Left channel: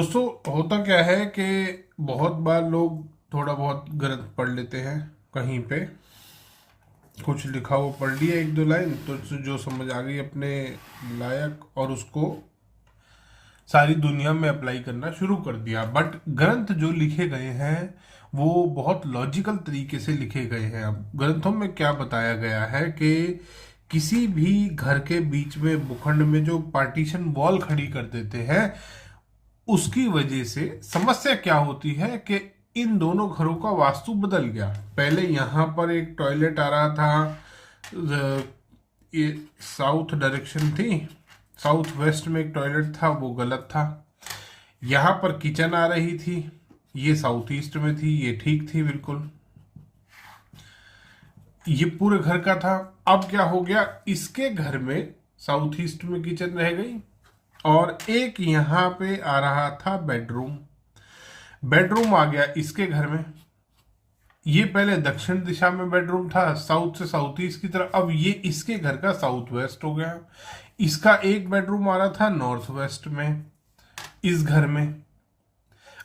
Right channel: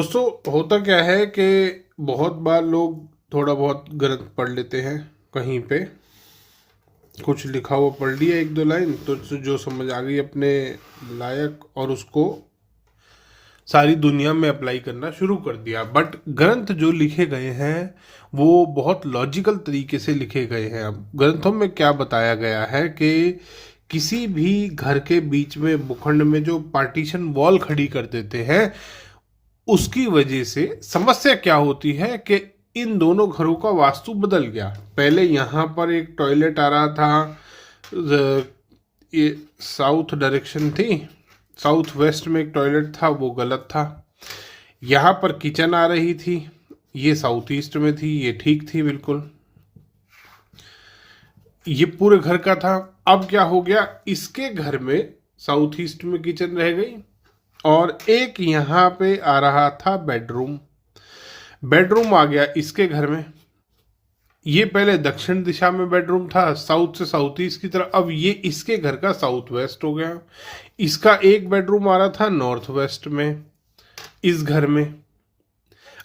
दोस्तों, होता क्या है कि बहुत बार लोग थोड़ा बहुत गलत पढ़ लेते हैं। कहीं पे कुछ लिखा हुआ पढ़ लिया, एक दो लाइन तो जो समझ आ गई अपने लायक, और उसको सारी दुनिया में अप्लाई करना शुरू कर दिया। बट ग्रंथ जो लिखे गए हैं वो बहुत लॉजिकल तरीके से लिखे गए हैं। अब ग्रंथों में क्या बताया गया है कि किसी भी घर के बीच में भूखंड में जो पार्टीशन वॉल खड़ी कर देते हैं, उसकी वजह से समस्या क्या होती है कि इन दोनों घरों का वास्तु बदल गया। पहले यहाँ पर एक टॉयलेट आ रहा था, ये साउथ डायरेक्शन थी, साउथ वेस्ट में एक टॉयलेट था, वो गलत था। यहाँ पर किचन आ रही थी, ये साउथ ईस्ट में थी, ये ठीक थी बिल्कुल। ये पूरे घर का था। अब क्या हो गया, इसके घर में साउथ ईस्ट में किचन रह गई और एक यहाँ पे आ रहा था बेडरूम। बेडरूम आ गया इसके घर में। ये पहले दक्षिण दिशा में बेडरूम था, साउथ से साउथ ईस्ट की तरफ। अब ये इसके घर का साउथ वेस्ट हो गया। इसका एक बेडरूम आ रहा था नॉर्थ वेस्ट में इस घर में।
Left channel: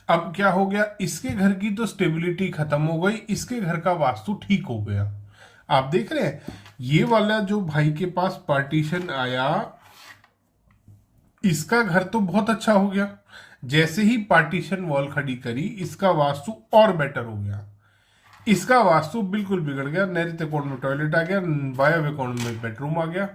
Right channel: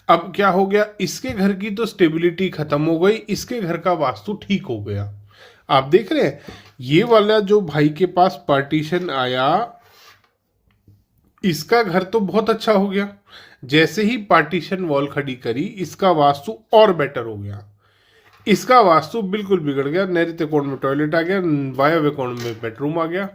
अब क्या हो गया, इसके घर की तो स्टेबिलिटी खत्म हो गई, इसके घर का वास्तु ठीक हो गया। आप देख रहे हैं, ये वाला जो भाई के पास पार्टीशन आया, इसका घर तो बहुत अच्छा हो गया। जैसे ही पार्टीशन वॉल खड़ी करी, इसका वास्तु और बेटर हो गया। इसका वास्तु बिल्कुल बिगड़ गया। नैऋत्य कोण में टॉयलेट आ गया, वायव्य कोण में बेडरूम आ गया।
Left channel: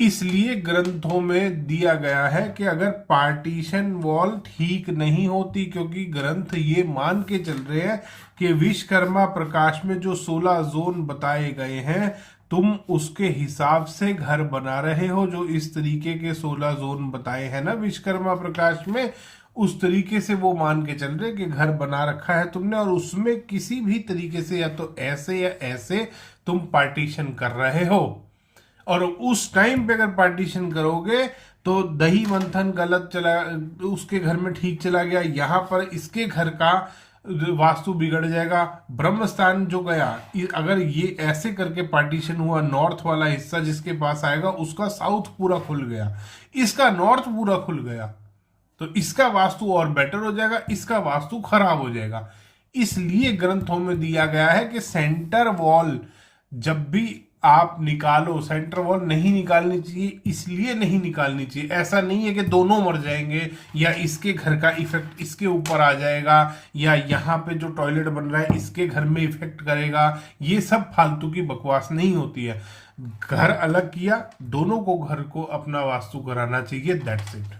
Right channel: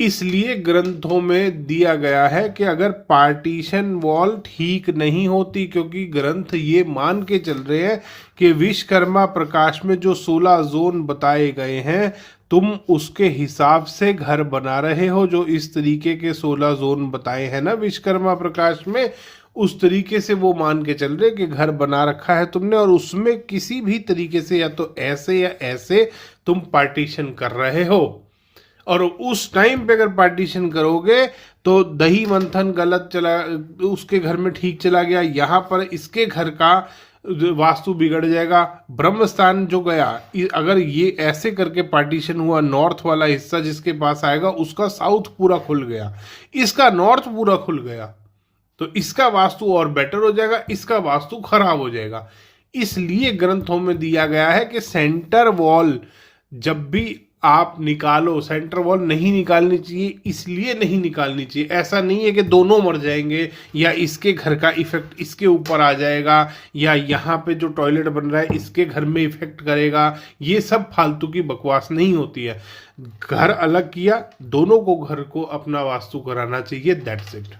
इसलिए ग्रंथों में दिया गया है कि अगर पार्टीशन वॉल ठीक नहीं होती, क्योंकि ग्रंथ ये मान के चल रहे हैं कि विश्वकर्मा प्रकाश में जो 16 जोन बताए गए हैं, तुम उसके हिसाब से घर बना रहे हो। जो इस तरीके के 16 जोन बताए हैं ना विश्वकर्मा प्रकाश में, उस तरीके से वो मान के चल रहे कि घर बना रखा है तुमने, और उसमें किसी भी तरीके से या तो ऐसे या ऐसे तुम पार्टीशन कर रहे हो। और उस टाइम पे अगर पार्टीशन करोगे तो दही मंथन गलत चला, उसके घर में ठीक चला गया, यहाँ पर इसके घर का वास्तु बिगड़ जाएगा। ब्रह्म स्थान जो गया, अगर ये ऐसे करके पार्टीशन हुआ, नॉर्थ वाला हिस्सा जिसके पास आएगा उसका साउथ पूरा खुल गया, इसका नॉर्थ पूरा खुल गया, तो इसका वास्तु और बेटर हो जाएगा, इसका वास्तु खराब हो जाएगा। इसलिए ग्रंथों में दिया गया है कि सेंटर वॉल जब भी आप निकालो, सेंटर वॉल नहीं निकालनी चाहिए। इसलिए नहीं निकालनी चाहिए, ऐसा नहीं है कि दोनों मर जाएंगे या इसके घर का इफेक्ट इसके ऊपर आ जाएगा या यहाँ पे जो टॉयलेट बन रहा है इसके घर में इफेक्ट करेगा। ये सब फालतू की बकवास नहीं होती है। घर अलग किया, दोनों को घर को अपना वास्तु कराना चाहिए, दैट्स इट।